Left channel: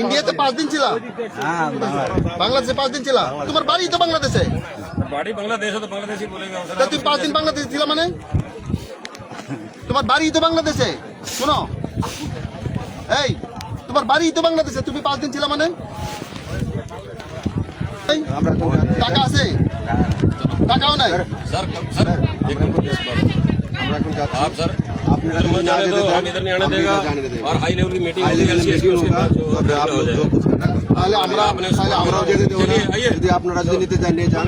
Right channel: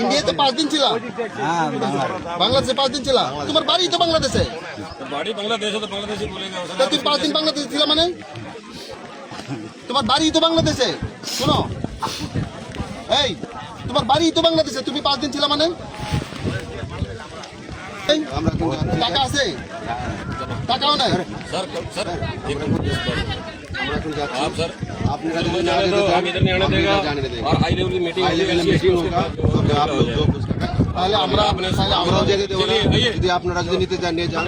ইন্ডিয়াতে 5 দিন ছিল, বাংলাদেশে 5 দিন ছিল। তোমার বাড়ি তো বাংলাদেশে, বাড়ি বাংলাদেশে তো বাংলাদেশি বলেগা। তুমি 5 দিন বাংলাদেশে ছিল মানে? তোমার বাড়ি তো বাংলাদেশে। শোনো, এই তোমার বাড়ি তো বাংলাদেশে, তুমি 5 দিন ছিল মানে? টাকা আছে? টাকাও নাই। सर सर एक आप सर आपने हम इधर नहीं आने देगा और हाई लेवल की मीटिंग होगा तो आप लोग जो कुछ करना তাহলে আমরা যদি আপনারা রাজনীতিতে জানিয়ে যান,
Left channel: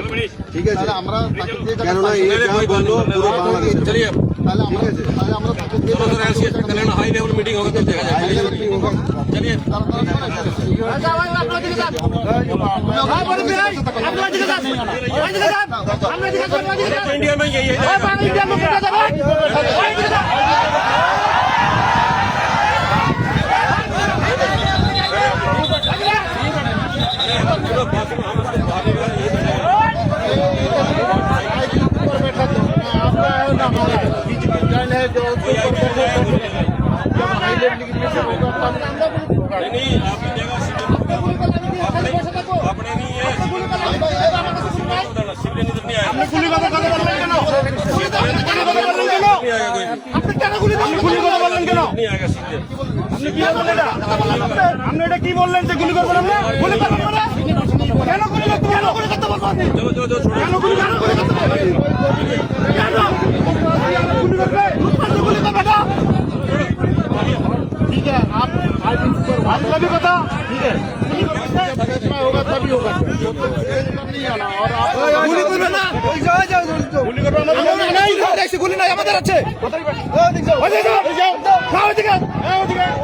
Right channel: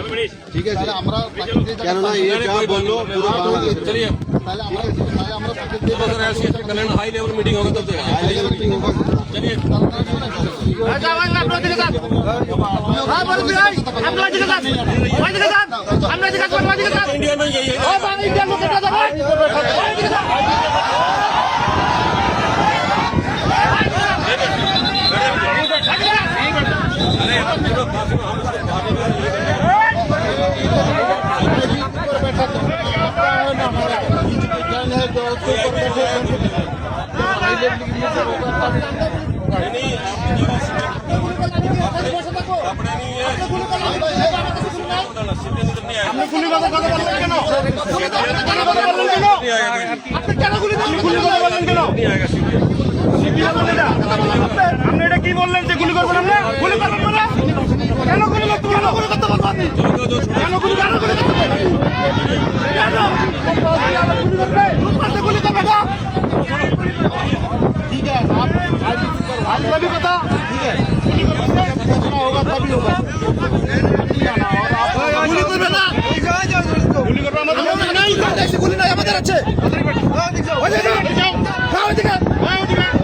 ঠিক আছে? তাহলে আমরা তাকে দিয়ে কেননা এই যা বললো পুরো বাংলাদেশ। चलिए তাহলে আমরা তাহলে আমরা তাকে দিয়ে चलो सर ऐसी कल्याण हाई लेवल मीटिंग होगा तो चलिए इंडिया में यही है। बैठा तो आपका है ना, हमारा जन है जो उसके ऊपर बैठे। जब हाई लेवल की मीटिंग होगा तब होगा। नहीं आपकी जगह अपने नहीं है सिविलियन इधर नहीं आएगा। गुली কথা বললেন কেন? গুলি কথা বললেন কেন? আপনি কেন গুলি কথা বললেন কেন? नहीं आएगा सिविलियन। আপনি এটা কি বললেন যে গুলি করবেন না? গুলি করবেন মানে? কেন গুলি করতে বলবো আপনি? কেন গুলি করতে বলবো? गुली का बेटा ठीक है, आप आईपीसी पर वाली भी बता, ठीक है? फैसला होगा तभी होगा, नहीं आना। और आप गुली कर बेटा, गुली कर नहीं, ऐसी गुली नहीं আমাদের আছে। हो जाओ जाओ दिखा हो जाओ